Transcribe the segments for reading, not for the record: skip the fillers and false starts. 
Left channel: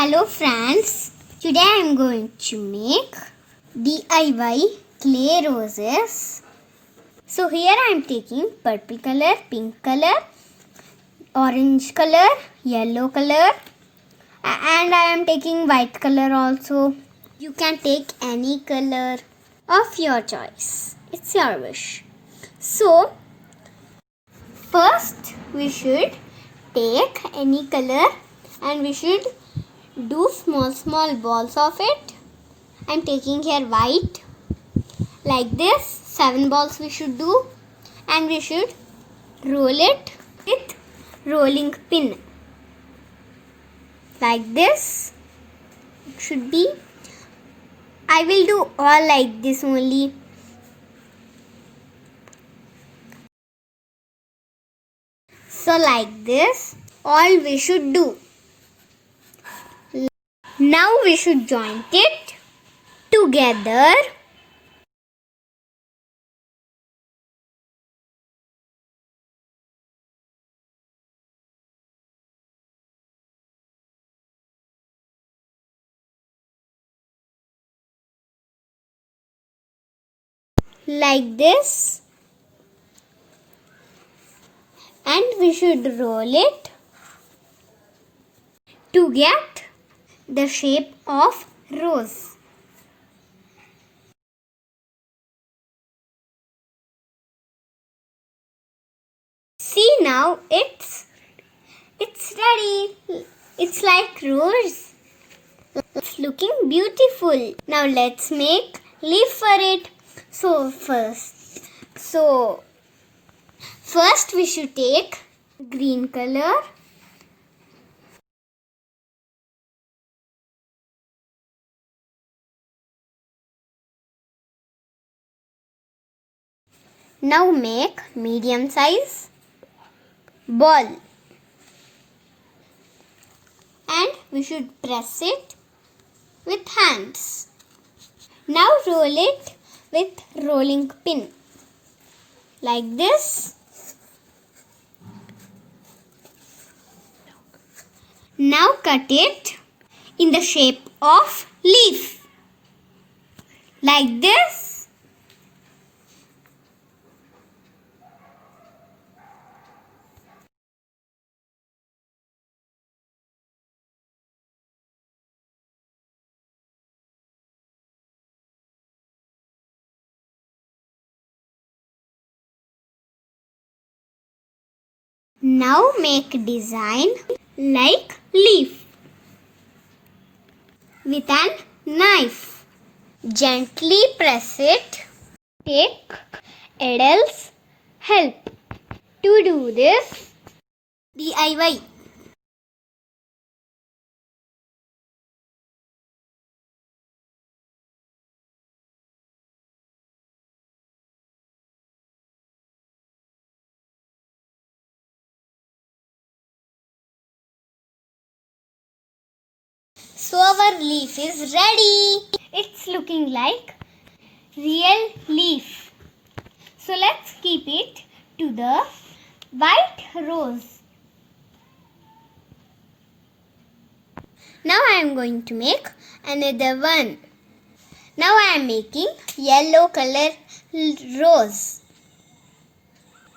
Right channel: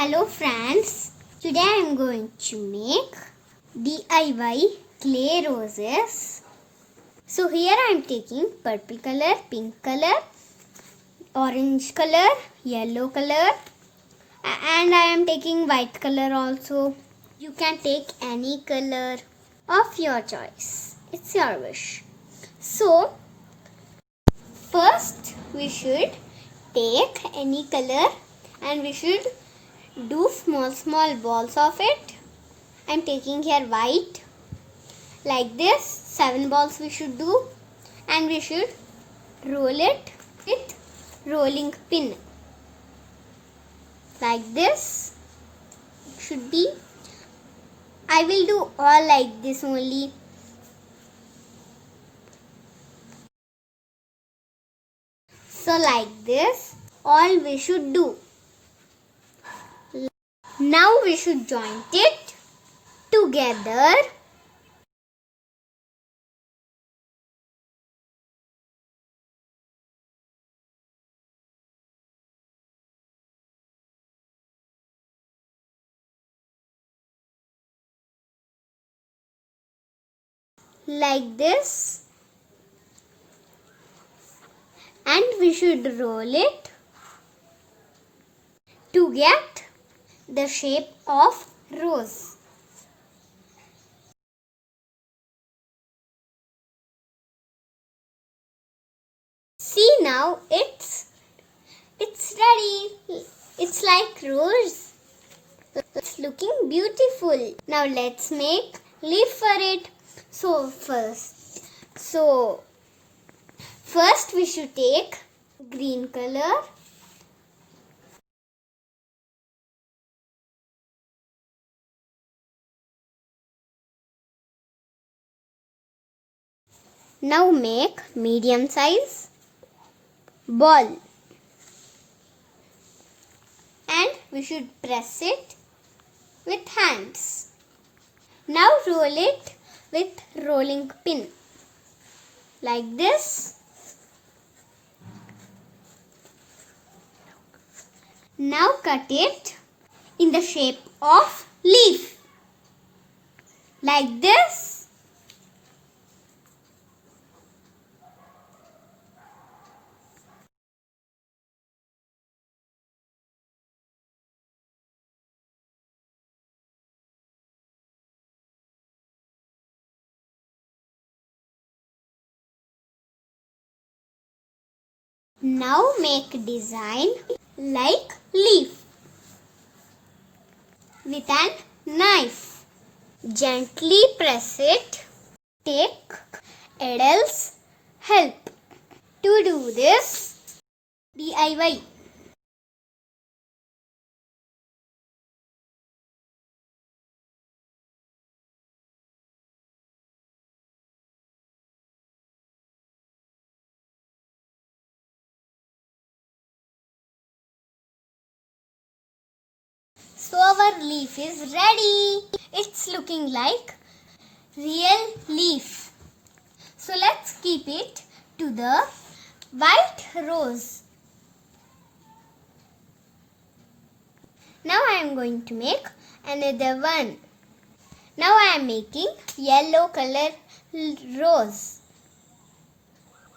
Hello friends, today I am going to make DIY clay roses. So here I am taking purple color, pink color, orange color, yellow color and I am taking white color also. You can take any color of your choice. It's your wish. So first we should take any color and we should do small balls of it. I'm taking here white like this. 7 balls we should do and we should roll it with rolling pin like this. It should be. I will do all like this only. So like this all we should do. Now we should join it together. Like this. And we should roll it to get the shape of rose. See, now it's ready. It's like rose. It's looking beautiful. Now let's make leaf for it. So first we should take green color. Now make medium size ball and we should press it with hands. Now roll it with rolling pin like this. Now cut it in the shape of leaf like this. Now make design like leaf with an knife. Gently press it. Take Adele's help to do this DIY. So our leaf is ready. It's looking like real leaf. So let's keep it to the white rose. Now I am going to make another one. Now I am making yellow color rose.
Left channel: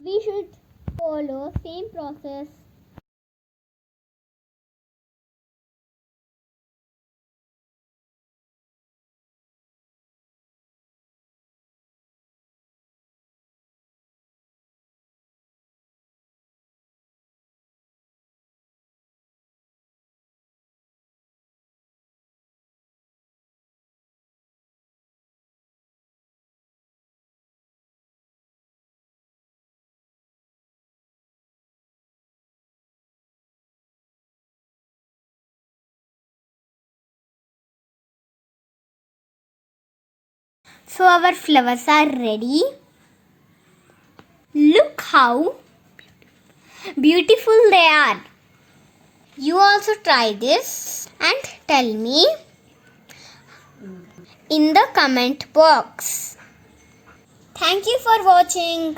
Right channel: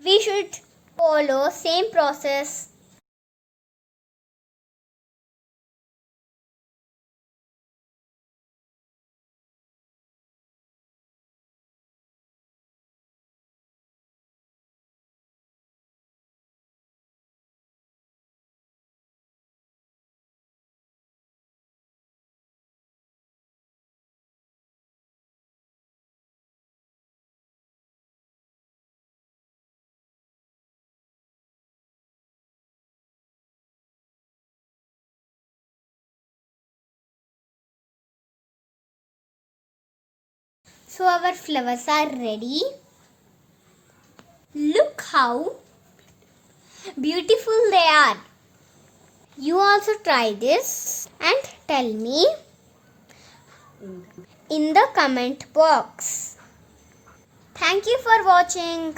We should follow same process. So our flowers are ready. Look how beautiful they are. You also try this and tell me in the comment box. Thank you for watching.